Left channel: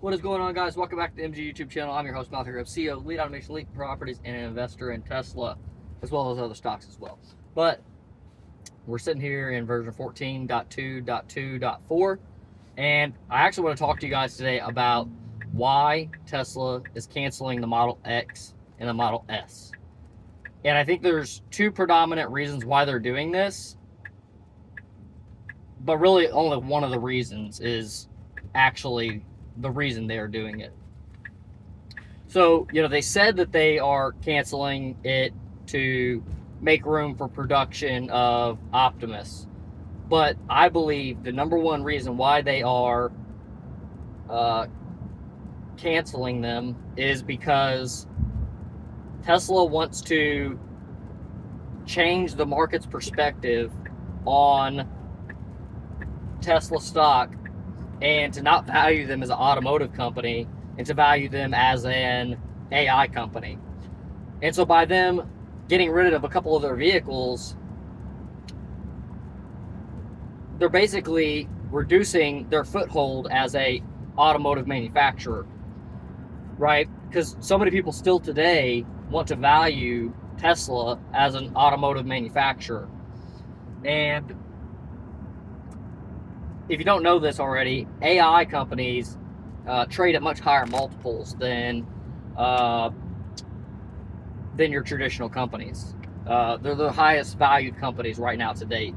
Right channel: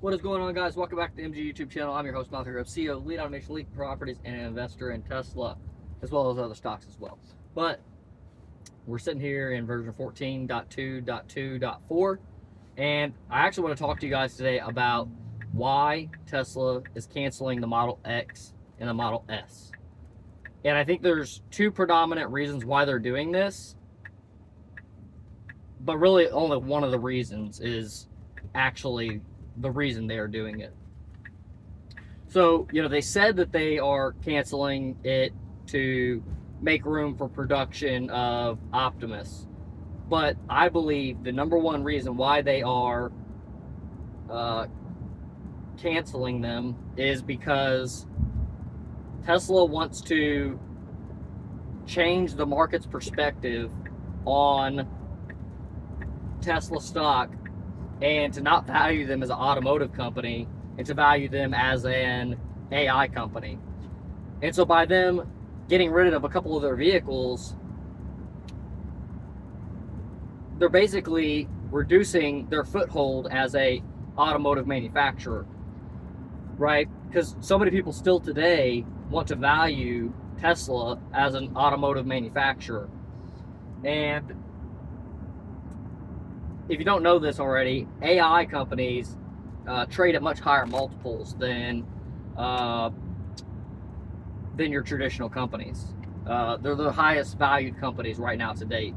What is going on, guys? Welcome back to the MG YouTube channel. I'm your host, Malachi Greb, CEO, Lead Automation, Lead Properties, and an investor in Tesla, as well as other stocks as well. But we're sitting here in version 14.2.2.4, and I actually want to talk to you guys today about why Tesla is canceling the Model X and the Model S. And I think there's two predominant reasons why they're doing this, but really only one of the reasons is actually the reason they are doing it. So, they said that they are canceling it to make room for production of Optimus. But I believe the number one reason why they are canceling them is because Tesla wants to change the market's perspective on Tesla stock and to not value them as an automotive company and to value them as an AI company. And so by them getting rid of a couple of their vehicles, they're basically reducing their foothold as a automotive manufacturer, right? Because so many people still today want to value Tesla as an automotive manufacturer. And if you don't know this already, AI companies trade at much higher multiples than your traditional companies. They're the highest valued companies right now to date.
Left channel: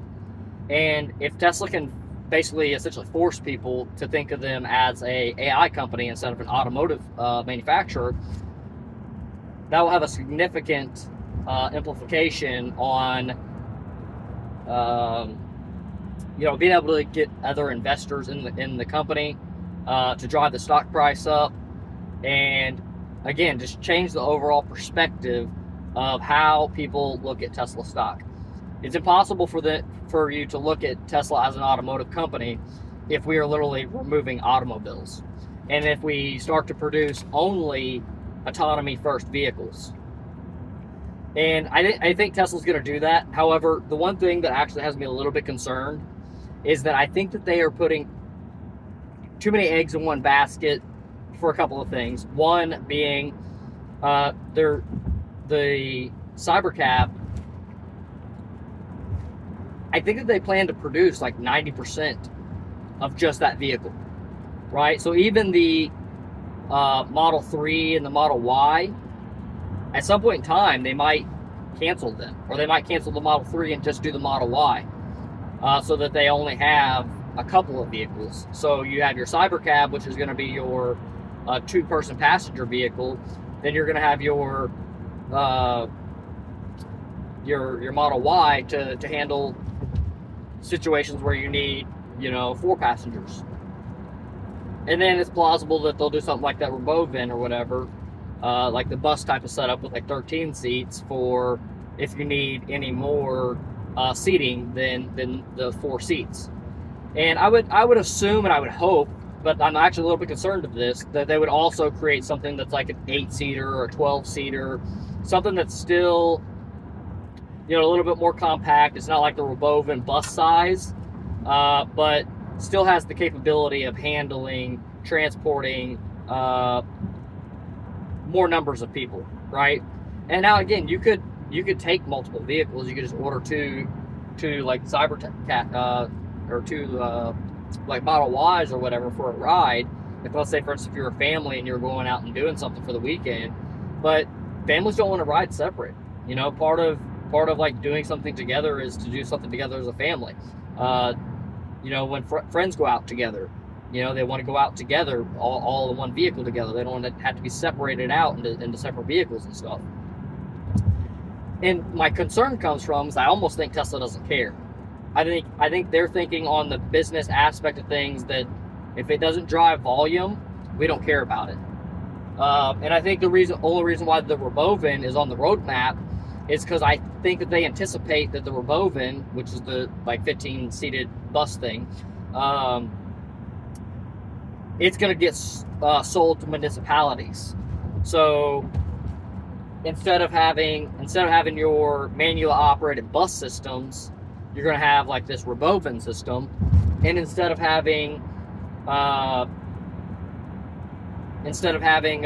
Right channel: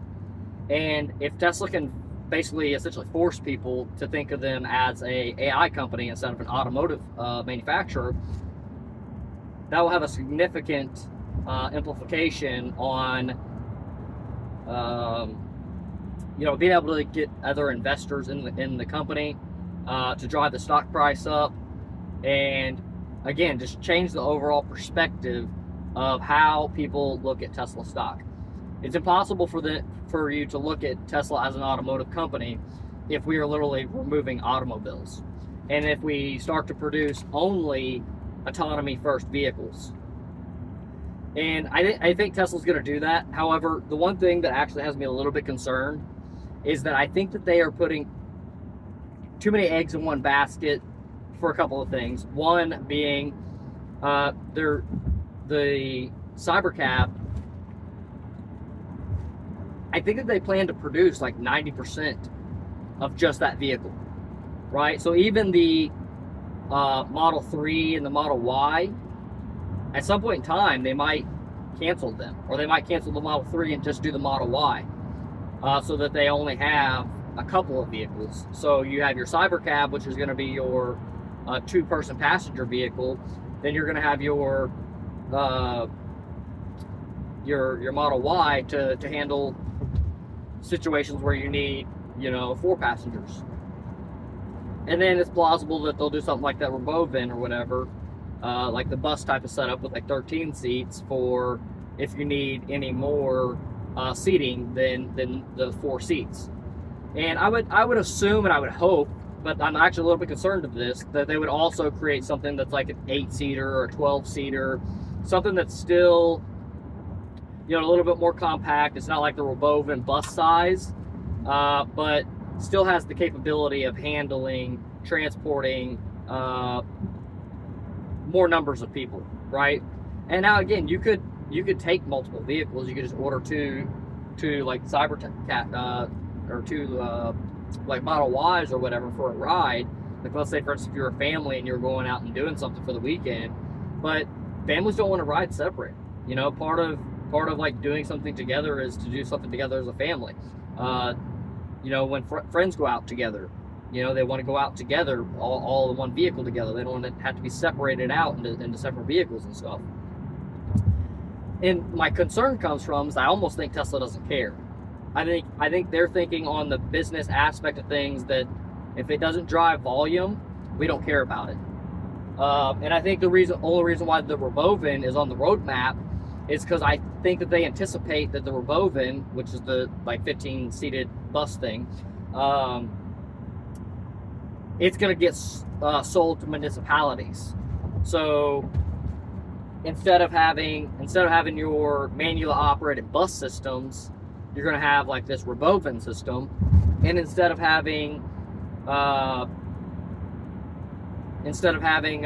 And if Tesla can basically essentially force people to think of them as a AI company instead of an automotive manufacturer, that will have a significant implication on being able to get other investors in the company to drive the stock price up, and again, just change the overall perspective of how people look at Tesla stock. It's impossible for you to look at Tesla as an automotive company if we are literally removing automobiles, and if we start to produce only autonomy first vehicles. And I think Tesla's going to do that. However, the one thing that actually has me a little bit concerned is that I think that they are putting too many eggs in one basket for a couple of things. One being the Cybercab. I think that they plan to produce like 90% of just that vehicle, right? So even the Model 3 and the Model Y, at some point in time, they might cancel them, or they might cancel the Model 3 and just do the Model Y. So that they only have a couple of vehicles. So you have your Cybercab, which is going to be your two-person passenger vehicle. Then you're going to have your Model Y to handle situations where you need 4 passengers. And then it's plausible that they'll do something like that Robovan or whatever, like the bus type of setup with like 13 seats for if you need any more seating than the 4 seats. And I would assume and I would hope, but I'm actually a little bit concerned of this, that they would also create something that's like an 8-seater or a 12-seater, something that's still a little bit more compact. It's not like the Robovan bus size, but still has the capability of transporting more numbers of people, right? And now again, you could take multiple vehicles. You could just order two like Cybercat or two like Model Ys or whatever for a ride. Like, let's say for instance if you're a family and you're going out and doing something for the weekend, but families don't want to ride separate. Part of like doing something together is to do something together as a family. When friends go out together, they want to go out together, all in one vehicle together. They don't want to have to be separated out into separate vehicles and stuff. And my concern comes from is I almost think Tesla doesn't care. I think they're thinking on the business aspect of things that if it doesn't drive volume, we don't care about it. And I think the only reason why the Robovan is on the roadmap is because I think that they anticipate that the Robovan, which is the like 15-seated bus thing, it's going to get sold to municipalities. So instead of having your manual operated bus systems, you're going to have like this Robovan system, and instead of having instead of having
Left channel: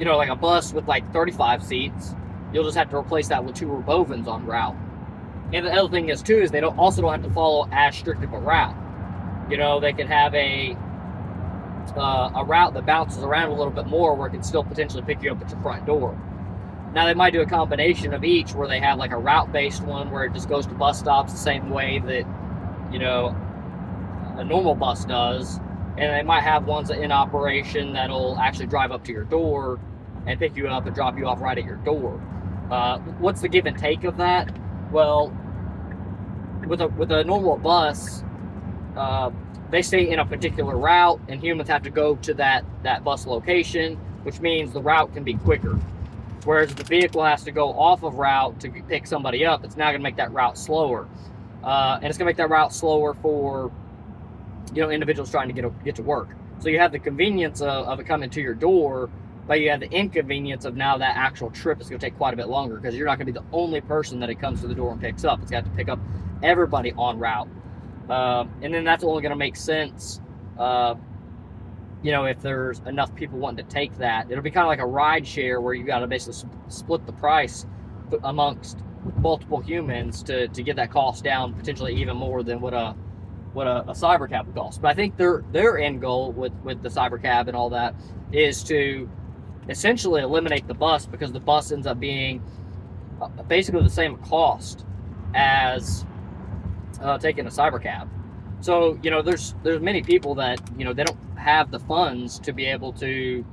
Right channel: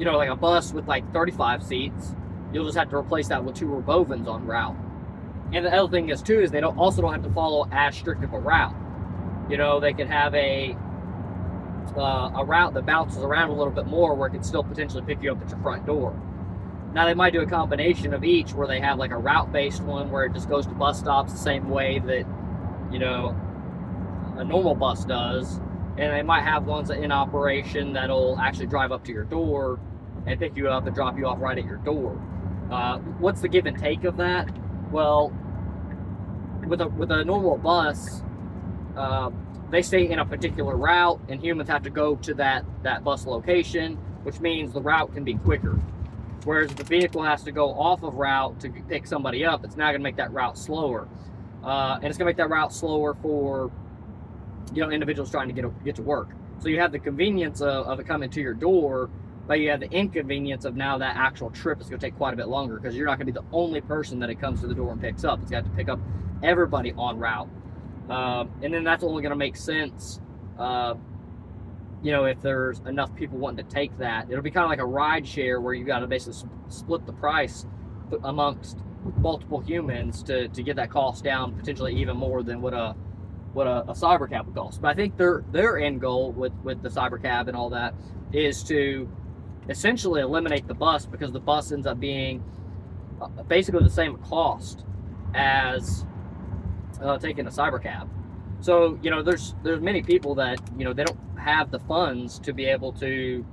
like a bus with like 35 seats, you'll just have to replace that with 2 Robovans on route. And the other thing is too is they don't have to follow as strict of a route. They can have a route that bounces around a little bit more, where it can still potentially pick you up at your front door. Now they might do a combination of each, where they have like a route-based one where it just goes to bus stops the same way that a normal bus does, and they might have ones in operation that'll actually drive up to your door and pick you up and drop you off right at your door. What's the give and take of that? Well, with a normal bus, they stay in a particular route, and humans have to go to that bus location, which means the route can be quicker. Whereas if the vehicle has to go off of route to pick somebody up, it's now going to make that route slower, and it's going to make that route slower for individuals trying to get to work. So you have the convenience of it coming to your door, but you have the inconvenience of now that actual trip is going to take quite a bit longer, because you're not going to be the only person that it comes to the door and picks up. It's got to pick up everybody on route, and then that's only going to make sense if there's enough people wanting to take that. It'll be kind of like a ride share, where you got to basically split the price amongst multiple humans to get that cost down, potentially even more than what a cyber cab would cost. But I think their end goal with the cyber cab and all that is to essentially eliminate the bus, because the bus ends up being basically the same cost as taking a cyber cab. So there's many people that they don't have the funds to be able to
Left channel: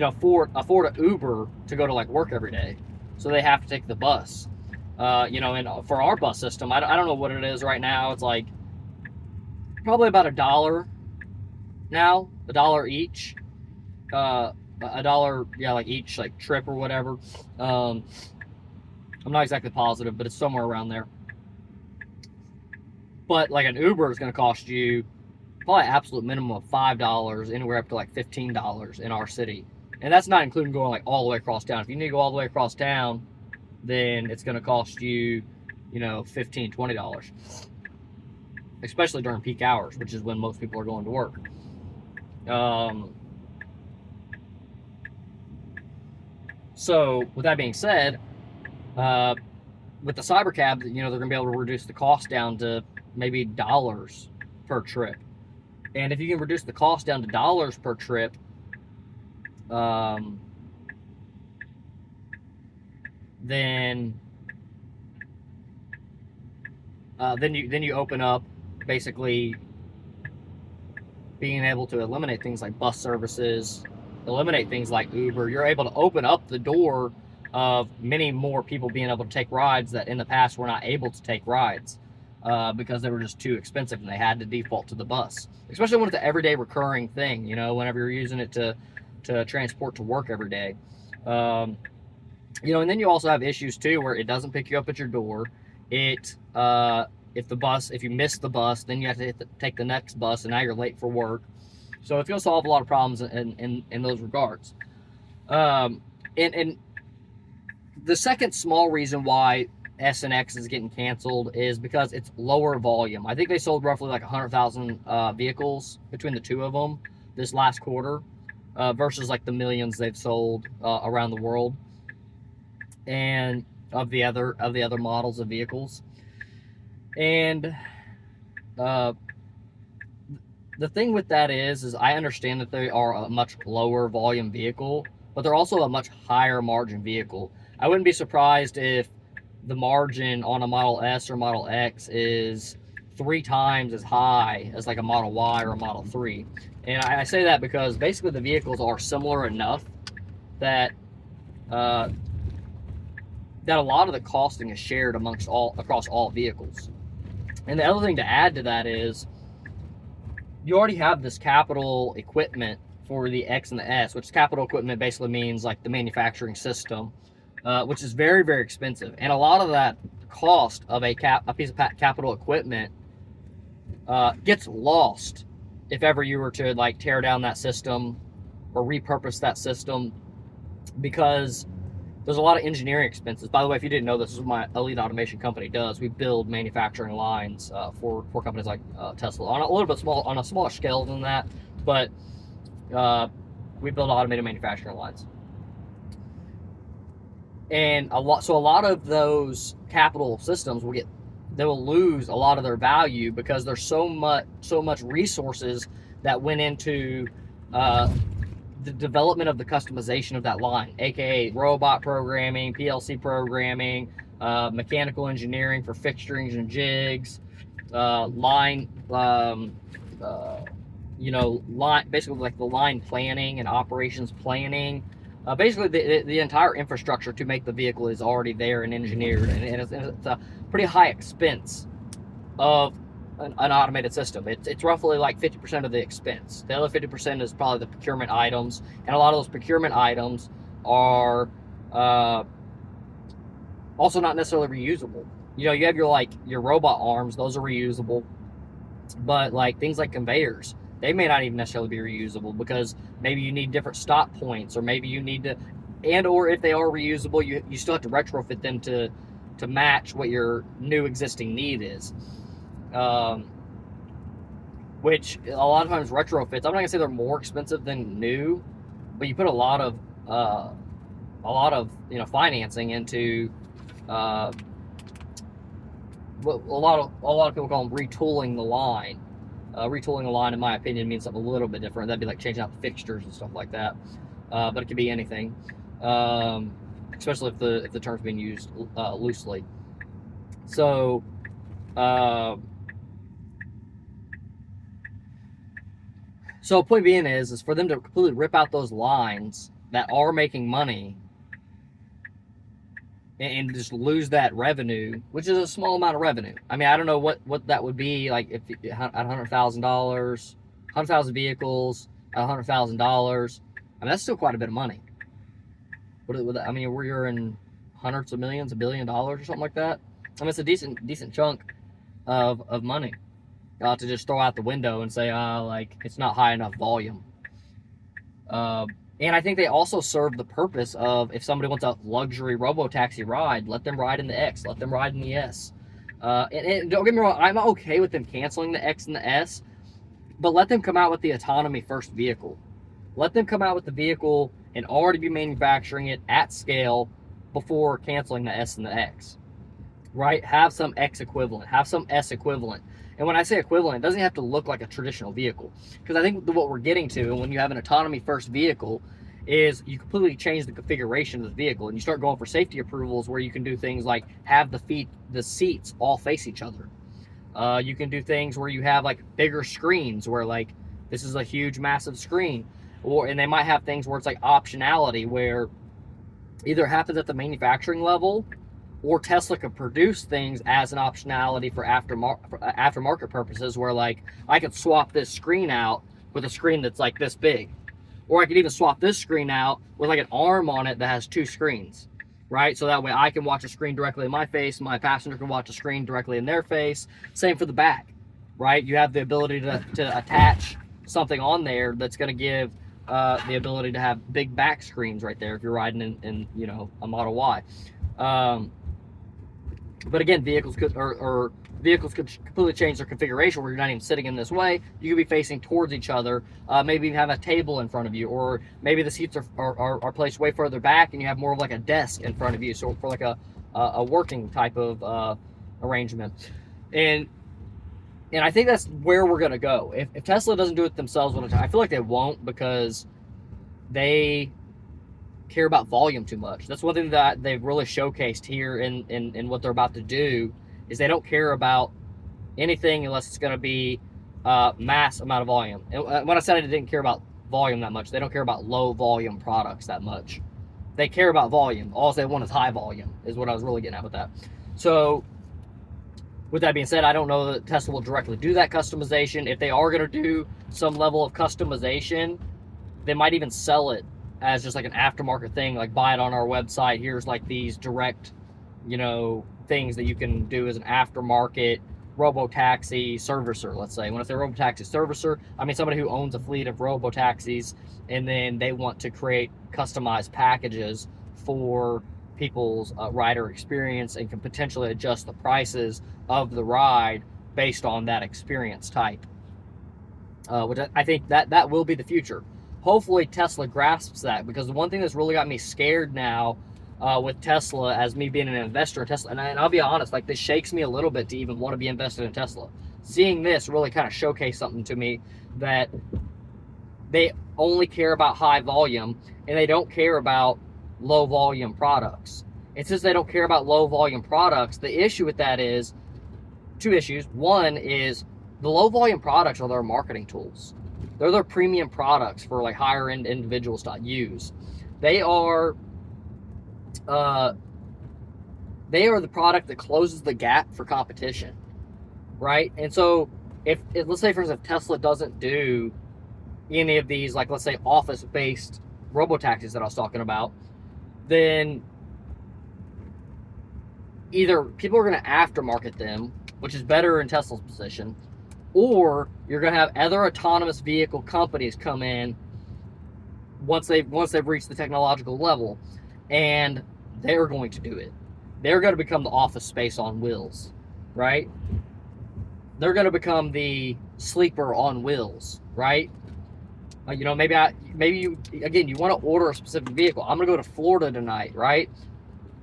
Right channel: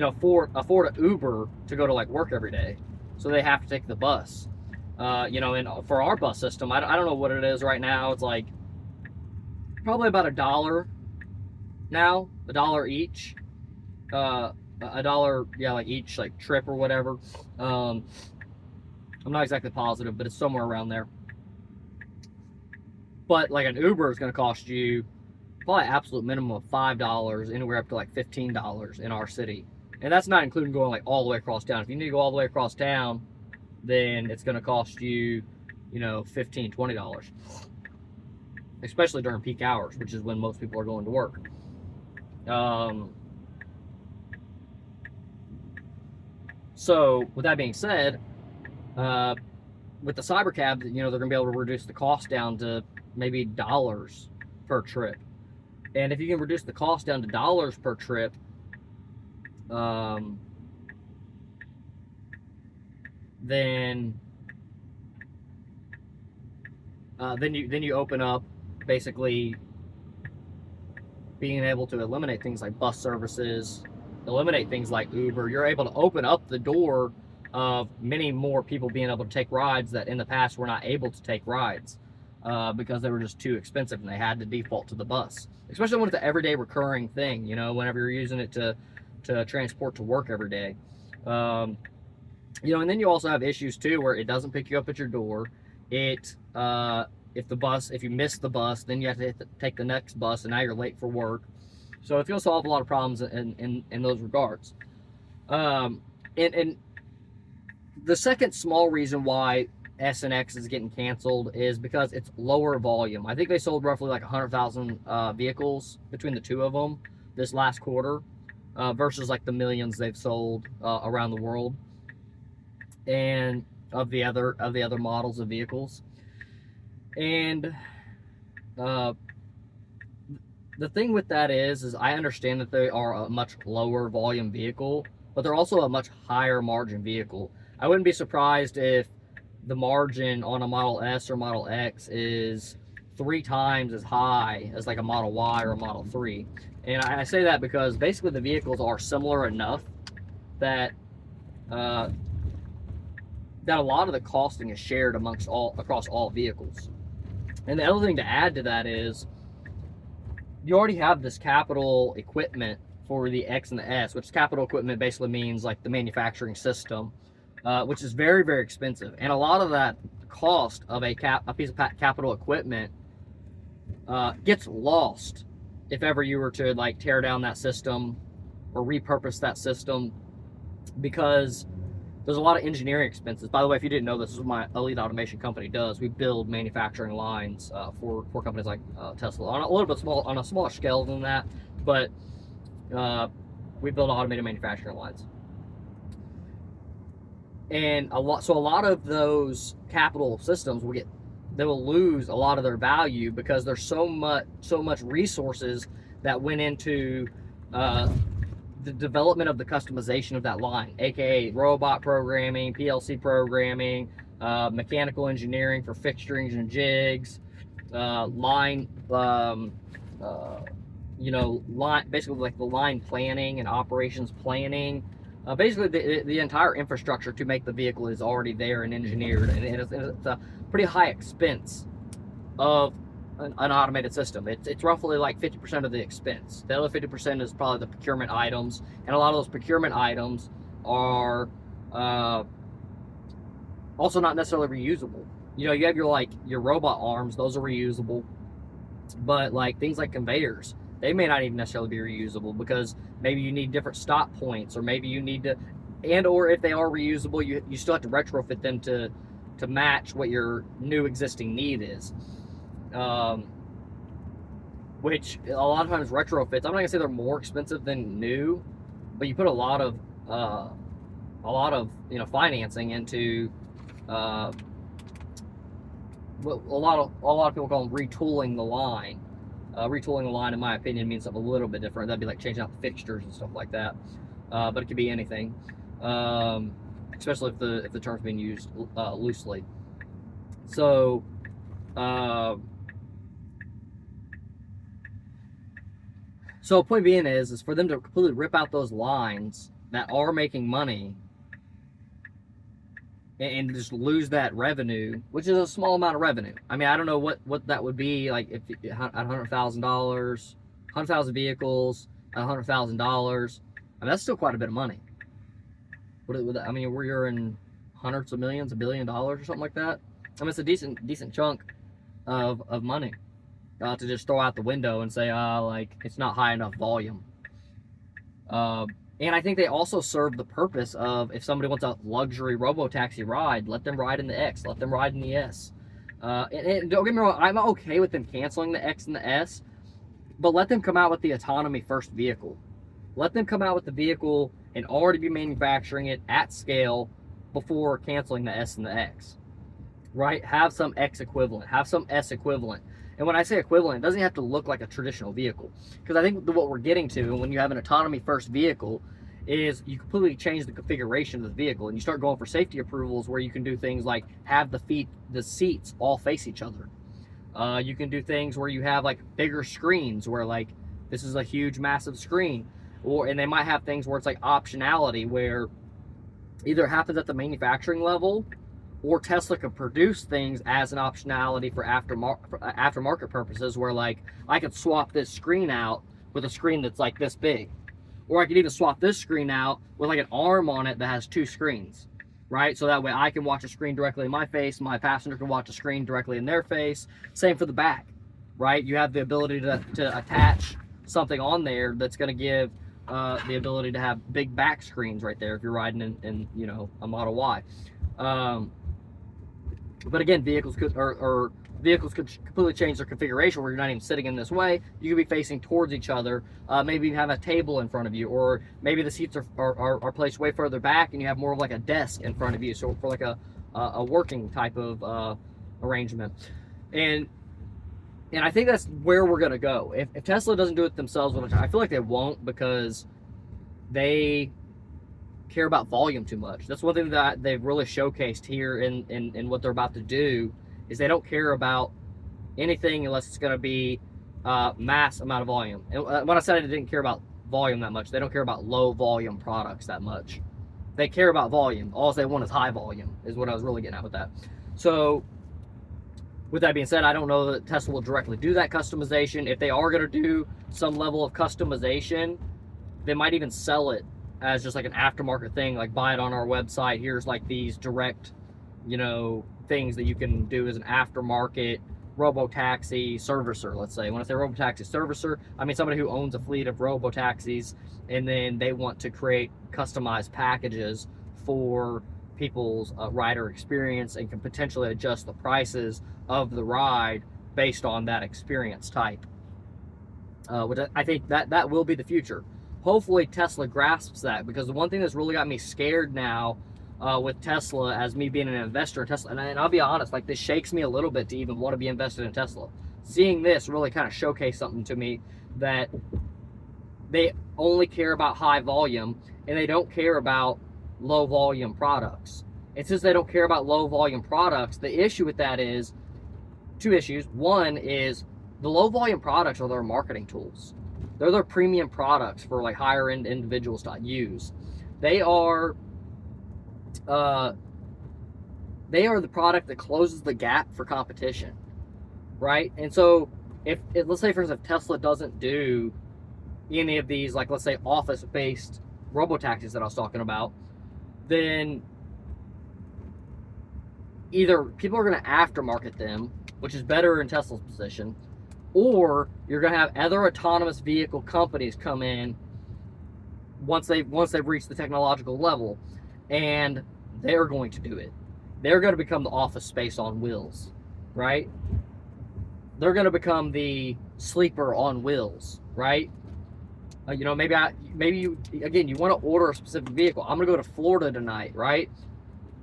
afford an Uber to go to like work every day, so they have to take the bus. And for our bus system, I don't know what it is right now. It's like probably about $1 now, $1 each, $1, like each like trip or whatever. I'm not exactly positive, but it's somewhere around there. But like an Uber is going to cost you probably absolute minimum of $5, anywhere up to like $15 in our city, and that's not including going like all the way across town. If you need to go all the way across town, then it's going to cost you $15, $20, especially during peak hours, which is when most people are going to work. So with that being said, with the cyber cab, they're going to be able to reduce the cost down to maybe dollars per trip. And if you can reduce the cost down to dollars per trip, then you open up basically being able to eliminate things like bus services, eliminate things like Uber. You're able to open up the door of many more people being able to take rides that in the past were not able to take rides because they were just too expensive and they had to default to the bus. Especially when it's an everyday recurring thing, whenever you're using it to transport to work every day. And then you also have issues too where it doesn't pick you up at your door. If you miss the bus, then you have to take the next bus, and now you're late for work. So it will solve a lot of problems in those regards. And the second small reason why S and X is getting canceled is because it's lower volume. I think they sold roughly like 100,000 vehicles between the two of them this last quarter, versus like the millions they've sold around the world, and of the other models of vehicles. And the thing with that is I understand that they are a much lower volume vehicle, but they're also a much higher margin vehicle. I wouldn't be surprised if the margin on a Model S or Model X is 3 times as high as like a Model Y or a Model 3. And I say that because basically the vehicles are similar enough that a lot of the costing is shared across all vehicles. And the other thing to add to that is you already have this capital equipment for the X and the S, which capital equipment basically means like the manufacturing system, which is very, very expensive. And a lot of that cost of a piece of capital equipment gets lost if ever you were to like tear down that system or repurpose that system, because There's a lot of engineering expenses. By the way, if you didn't know, this is what my Elite Automation company does. We build manufacturing lines for companies like Tesla on a little bit on a smaller scale than that, but we build automated manufacturing lines. And a lot of those capital systems they will lose a lot of their value because there's so much resources that went into the development of the customization of that line, aka robot programming, PLC programming, mechanical engineering for fixturings and jigs, line, basically like the line planning and operations planning. Basically, the entire infrastructure to make the vehicle is already there and engineered, and it's a pretty high expense of an automated system. It's roughly like 50% of the expense. The other 50% is probably the procurement items, and a lot of those procurement items are also not necessarily reusable. You have your robot arms; those are reusable, but like things like conveyors, they may not even necessarily be reusable because maybe you need different stop points, or maybe you need to, or if they are reusable, you still have to retrofit them to match what your new existing need is. Which a lot of times retrofits, I'm not gonna say they're more expensive than new, but you put a lot of financing into what a lot of people call them retooling the line. Retooling the line, in my opinion, means something a little bit different. That'd be like changing out the fixtures and stuff like that. But it could be anything, especially if the term's being used loosely. So, point being is for them to completely rip out those lines that are making money and just lose that revenue, which is a small amount of revenue. I mean, I don't know what that would be like if at $100,000, 100,000 vehicles, $100,000. I mean, that's still quite a bit of money. I mean, you're in hundreds of millions, $1 billion or something like that. I mean, it's a decent chunk of money to just throw out the window and say, like it's not high enough volume. And I think they also serve the purpose of, if somebody wants a luxury robotaxi ride, let them ride in the X, let them ride in the S. And don't get me wrong, I'm okay with them canceling the X and the S, but let them come out with the autonomy first vehicle. Let them come out with the vehicle and already be manufacturing it at scale before canceling the S and the X. Right? Have some X equivalent, have some S equivalent. And when I say equivalent, it doesn't have to look like a traditional vehicle. Because I think what we're getting to when you have an autonomy first vehicle is you completely change the configuration of the vehicle, and you start going for safety approvals where you can do things like have the seats all face each other. You can do things where you have like bigger screens where like this is a huge massive screen, and they might have things where it's like optionality where either happens at the manufacturing level, or Tesla could produce things as an optionality for aftermarket purposes, where like I could swap this screen out with a screen that's like this big, or I could even swap this screen out with like an arm on it that has two screens, right? So that way I can watch a screen directly in my face, my passenger can watch a screen directly in their face. Same for the back, right? You have the ability to attach something on there that's going to give the ability to have big back screens right there if you're riding in a Model Y. But again, vehicles could completely change their configuration where you're not even sitting in this way. You could be facing towards each other. Maybe you have a table in front of you, or maybe the seats are placed way further back and you have more of like a desk in front of you. So for like a working type of arrangement. And I think that's where we're going to go. If Tesla doesn't do it themselves, I feel like they won't, because they care about volume too much. That's one thing that they've really showcased here in what they're about to do, is they don't care about anything unless it's going to be mass amount of volume. And when I said I didn't care about volume that much, they don't care about low volume products that much. They care about volume. All they want is high volume, is what I was really getting at with that. So with that being said, I don't know that Tesla will directly do that customization. If they are going to do some level of customization, they might even sell it as just like an aftermarket thing, like buy it on our website. Here's like these direct, things that you can do as an aftermarket robotaxi servicer, let's say. When I say robotaxi servicer, I mean somebody who owns a fleet of robotaxis, and then they want to create customized packages for people's rider experience and can potentially adjust the prices of the ride based on that experience type. Which I think that will be the future. Hopefully Tesla grasps that, because the one thing that's really got me scared now with Tesla, as me being an investor in Tesla, and I'll be honest, like, this shakes me a little bit to even want to be invested in Tesla. Seeing this really kind of showcased something to me, that they only care about high volume and they don't care about low volume products. And since they don't care about low volume products, the issue with that is two issues. One is the low volume products are their marketing tools. They're their premium products for like higher end individuals to use. They are the product that closes the gap for competition, right? And so if let's say, for instance, if Tesla doesn't do any of these, like, let's say, office-based robotaxis that I was talking about, then either people are going to aftermarket them, which is better in Tesla's position, or you're going to have other autonomous vehicle companies come in once they've reached the technological level, and they're going to do it. They're going to become the office space on wheels, right? They're going to become the sleeper on wheels, right? Maybe you want to order a specific vehicle. I'm going to go to Florida tonight, right?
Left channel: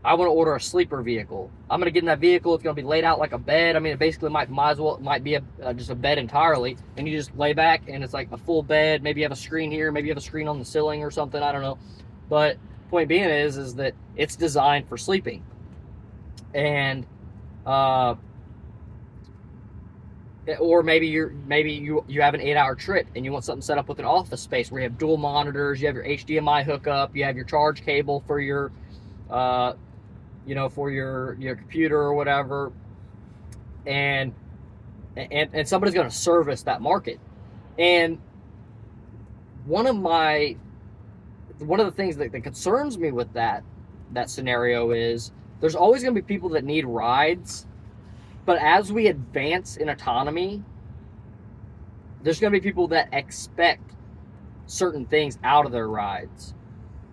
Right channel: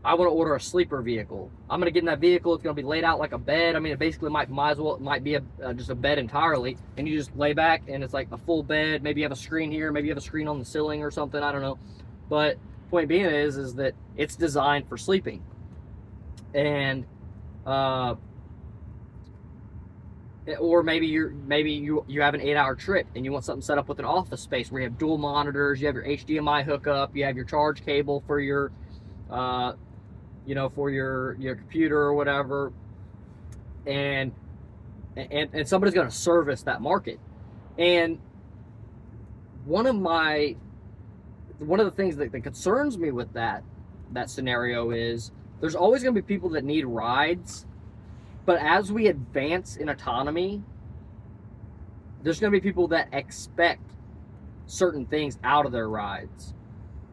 I want to order a sleeper vehicle. I'm going to get in that vehicle. It's going to be laid out like a bed. I mean, it basically might be just a bed entirely, and you just lay back and it's like a full bed. Maybe you have a screen here, maybe you have a screen on the ceiling or something. I don't know. But point being is that it's designed for sleeping. And or maybe you have an 8-hour trip and you want something set up with an office space where you have dual monitors, you have your HDMI hookup, you have your charge cable for your for your computer or whatever, and somebody's going to service that market. And one of the things that concerns me with that scenario is there's always going to be people that need rides. But as we advance in autonomy, there's going to be people that expect certain things out of their rides.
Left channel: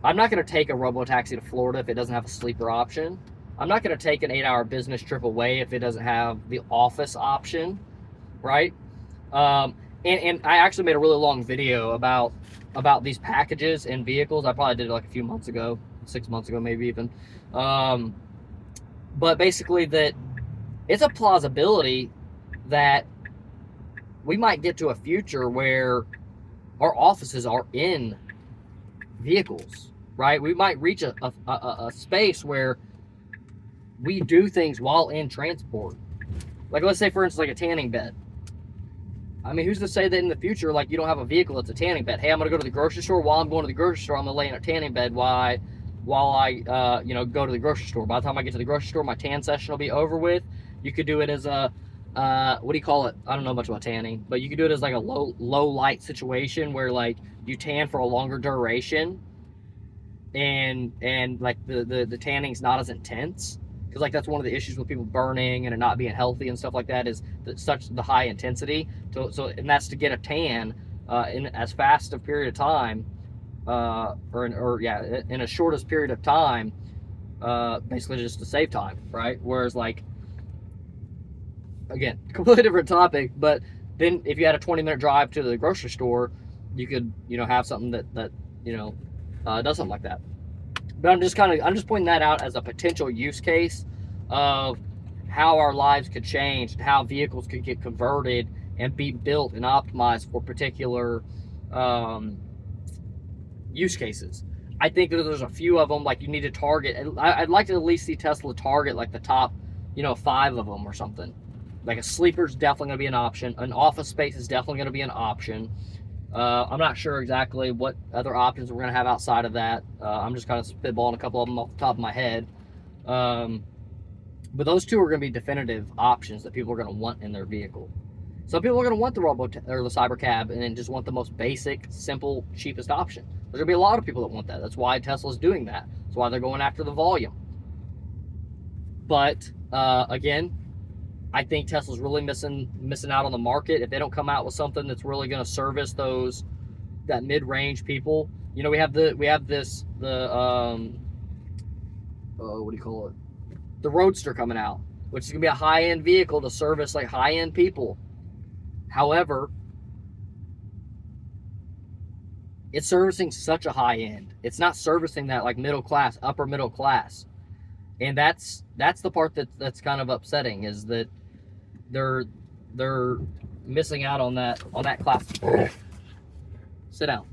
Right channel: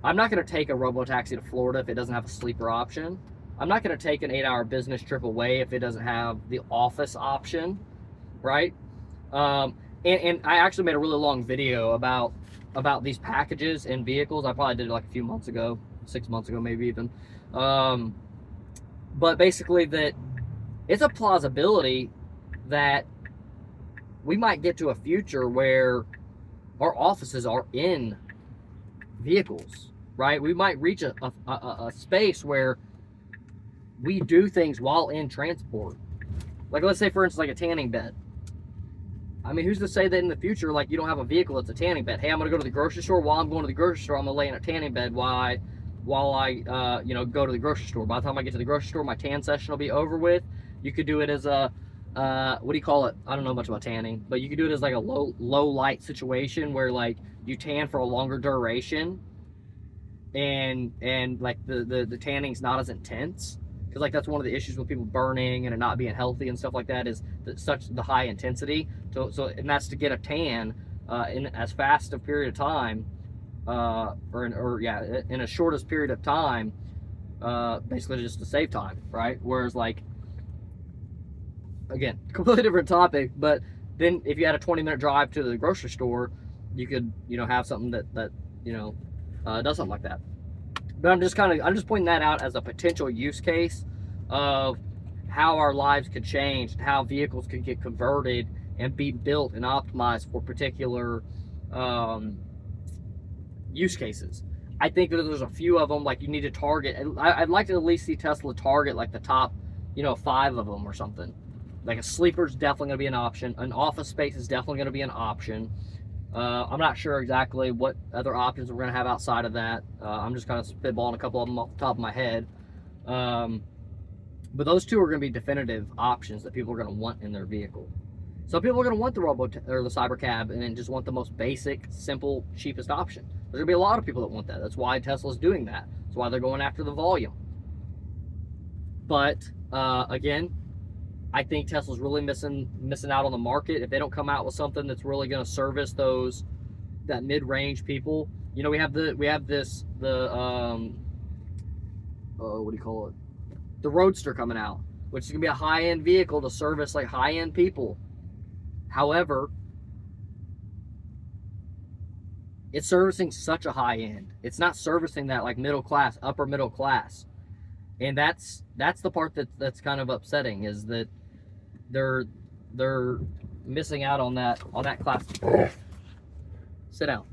I'm not going to take a robotaxi to Florida if it doesn't have a sleeper option. I'm not going to take an 8-hour business trip away if it doesn't have the office option, right? And I actually made a really long video about these packages in vehicles. I probably did it like a few months ago, 6 months ago, maybe even. But basically that it's a plausibility that we might get to a future where our offices are in vehicles, right? We might reach a space where we do things while in transport. Like, let's say, for instance, like a tanning bed. I mean, who's to say that in the future, like, you don't have a vehicle that's a tanning bed? Hey, I'm going to go to the grocery store. While I'm going to the grocery store, I'm going to lay in a tanning bed while I go to the grocery store. By the time I get to the grocery store, my tan session will be over with. You could do it as a, what do you call it? I don't know much about tanning, but you could do it as like a low light situation where like you tan for a longer duration, and like the tanning's not as intense, because like that's one of the issues with people burning and it not being healthy and stuff like that, is that such the high intensity. And that's to get a tan in as fast a period of time, in a shortest period of time, basically just to save time, right? Whereas like, again, completely different topic, but then if you had a 20-minute drive to the grocery store, you could, have something that does something like that. But I'm just pointing that out as a potential use case of how our lives could change and how vehicles could get converted and be built and optimized for particular use cases. I think that there's a few of them, like you need to target, and I'd like to at least see Tesla target like the top, 5 of them or something. Like a sleeper is definitely going to be an option. An office space is definitely going to be an option. I'm not sure exactly what other options we're going to have outside of that. I'm just kind of spitballing a couple of them off the top of my head. But those two are going to be definitive options that people are going to want in their vehicle. Some people are going to want the or the cyber cab and then just want the most basic, simple, cheapest option. There's going to be a lot of people that want that. That's why Tesla's doing that. That's why they're going after the volume. But again, I think Tesla's really missing out on the market if they don't come out with something that's really going to service that mid-range people. We have the what do you call it? The Roadster coming out, which is going to be a high-end vehicle to service like high-end people. However, it's servicing such a high end. It's not servicing that like middle class, upper middle class. And that's the part that's kind of upsetting, is that they're missing out on that class. Sit down.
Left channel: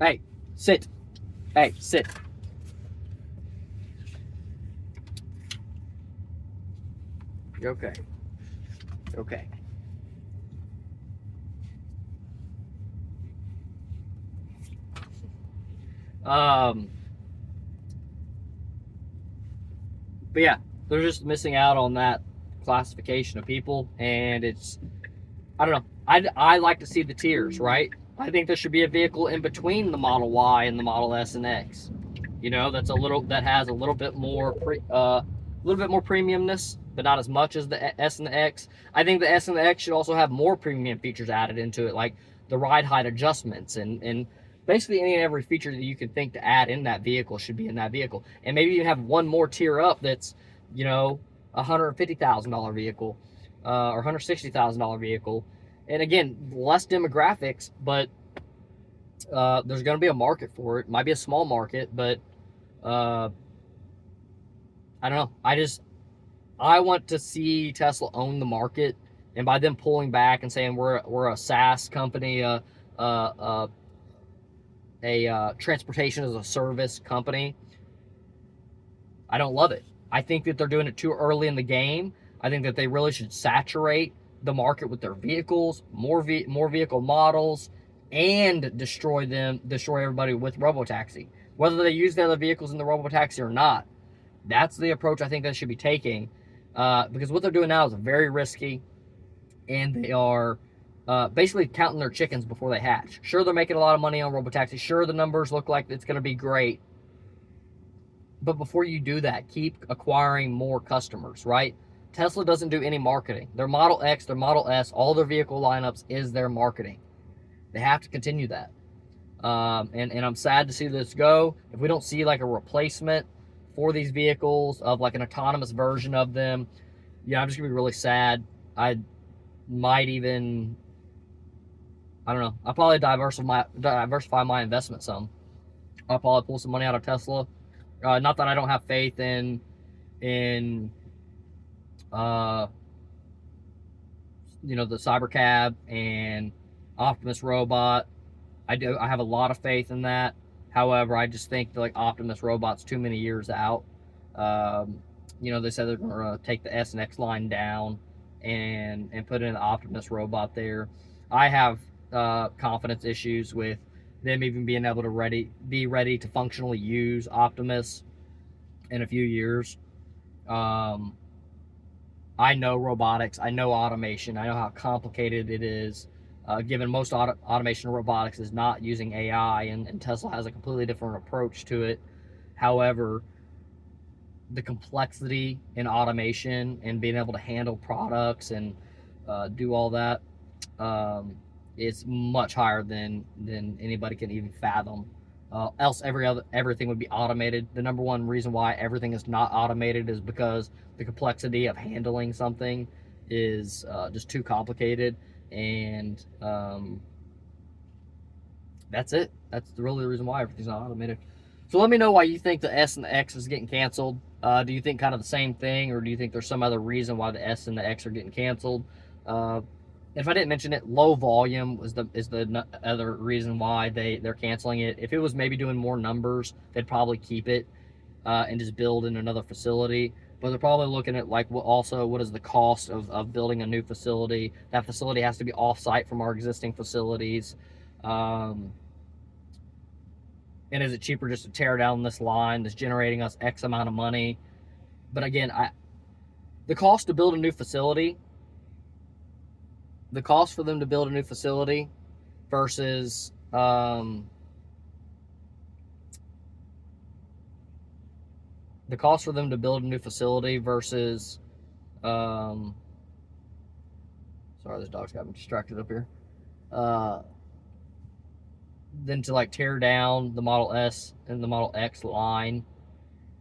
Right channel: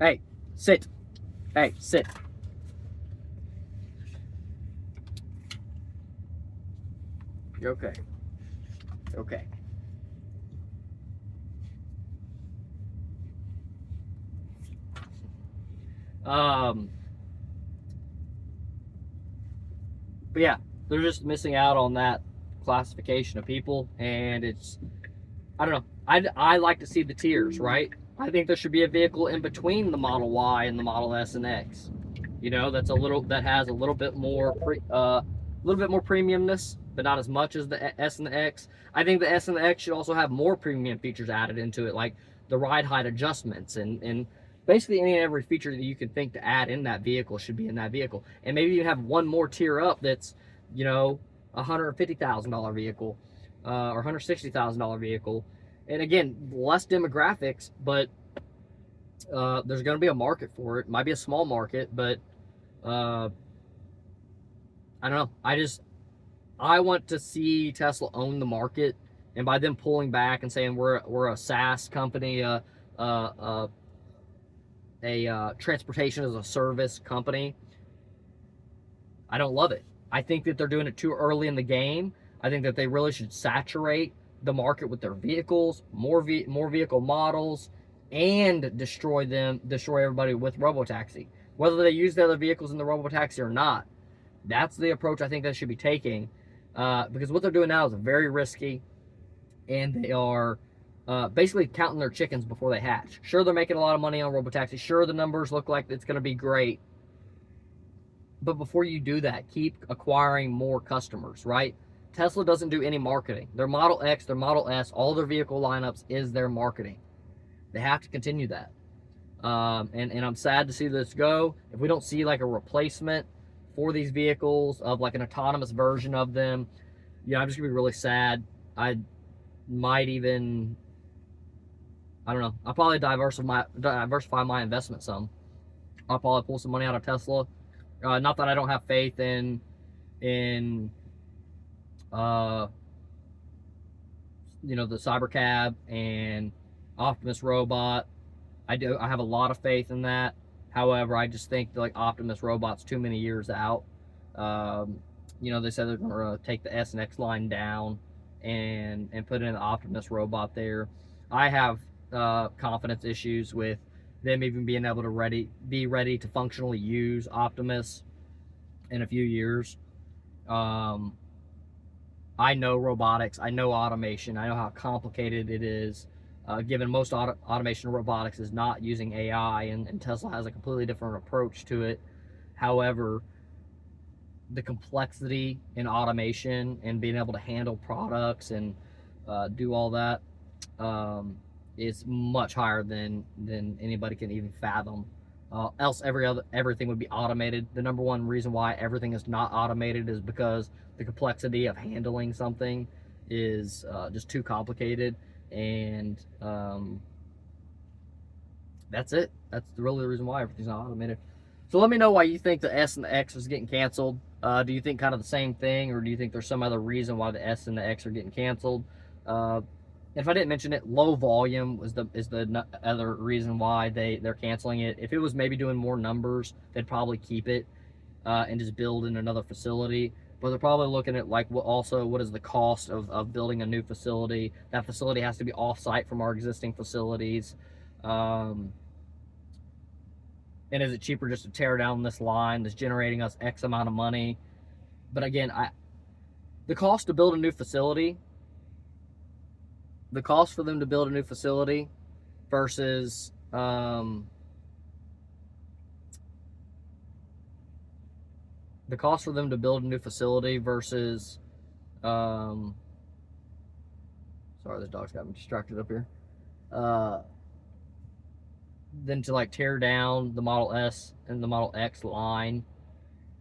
Hey, sit. Hey, sit. Okay. Okay. But yeah, they're just missing out on that classification of people, and it's, I don't know. I like to see the tiers, right? I think there should be a vehicle in between the Model Y and the Model S and X. You know, that has a little bit more premiumness, but not as much as the S and the X. I think the S and the X should also have more premium features added into it, like the ride height adjustments and basically any and every feature that you can think to add in that vehicle should be in that vehicle. And maybe you have one more tier up that's, you know, $150,000 vehicle or $160,000 vehicle. And again, less demographics, but there's going to be a market for it. It might be a small market, but I don't know. I want to see Tesla own the market, and by them pulling back and saying we're a SaaS company, a transportation as a service company, I don't love it. I think that they're doing it too early in the game. I think that they really should saturate the market with their vehicles, more vehicle models, and destroy everybody with robotaxi. Whether they use the other vehicles in the robotaxi or not, that's the approach I think they should be taking, because what they're doing now is very risky, and they are basically counting their chickens before they hatch. Sure, they're making a lot of money on robotaxi. Sure, the numbers look like it's going to be great. But before you do that, keep acquiring more customers, right? Tesla doesn't do any marketing. Their Model X, their Model S, all their vehicle lineups is their marketing. They have to continue that. And I'm sad to see this go. If we don't see like a replacement for these vehicles of like an autonomous version of them, yeah, I'm just gonna be really sad. I might even, I don't know, I'll probably diversify my investment some. I'll probably pull some money out of Tesla. Not that I don't have faith in you know, the Cybercab and Optimus robot. I have a lot of faith in that. However, I just think like Optimus robot's too many years out. You know, they said they're going to take the S and X line down and put in the Optimus robot there. I have confidence issues with them even being able to be ready to functionally use Optimus in a few years. I know robotics, I know automation, I know how complicated it is, given most automation robotics is not using AI, and Tesla has a completely different approach to it. However, the complexity in automation and being able to handle products and do all that is much higher than anybody can even fathom. Else everything would be automated. The number one reason why everything is not automated is because the complexity of handling something is just too complicated, and that's it. That's really the reason why everything's not automated. So let me know why you think the S and the X is getting canceled. Do you think kind of the same thing, or do you think there's some other reason why the S and the X are getting canceled? If I didn't mention it, low volume is the other reason why they're canceling it. If it was maybe doing more numbers, they'd probably keep it and just build in another facility. But they're probably looking at like what is the cost of building a new facility. That facility has to be off-site from our existing facilities. And is it cheaper just to tear down this line that's generating us X amount of money? But again, the cost to build a new facility, the cost for them to build a new facility versus the cost for them to build a new facility versus sorry, this dog's got me distracted up here. Then to like tear down the Model S and the Model X line,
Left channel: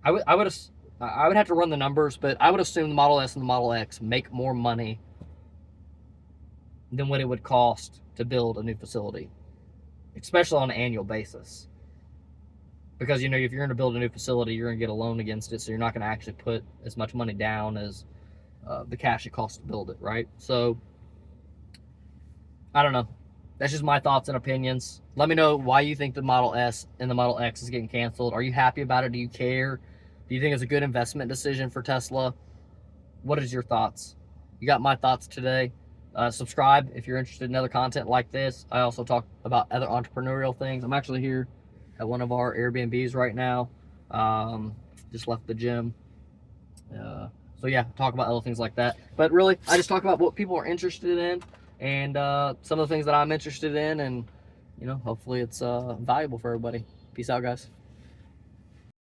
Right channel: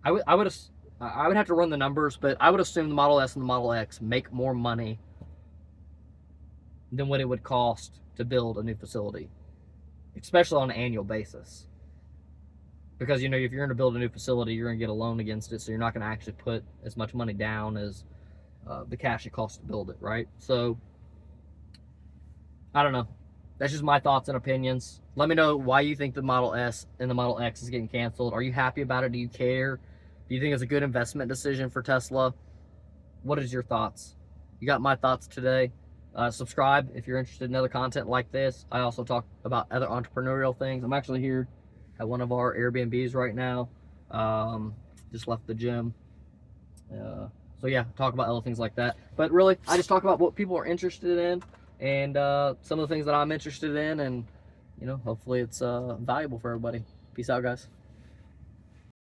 I would have to run the numbers, but I would assume the Model S and the Model X make more money than what it would cost to build a new facility, especially on an annual basis. Because, you know, if you're going to build a new facility, you're going to get a loan against it, so you're not going to actually put as much money down as the cash it costs to build it, right? So, I don't know. That's just my thoughts and opinions. Let me know why you think the Model S and the Model X is getting canceled. Are you happy about it? Do you care? Do you think it's a good investment decision for Tesla? What is your thoughts? You got my thoughts today. Subscribe if you're interested in other content like this. I also talk about other entrepreneurial things. I'm actually here at one of our Airbnbs right now. Just left the gym. So yeah, talk about other things like that. But really, I just talk about what people are interested in and some of the things that I'm interested in, and you know, hopefully it's valuable for everybody. Peace out, guys.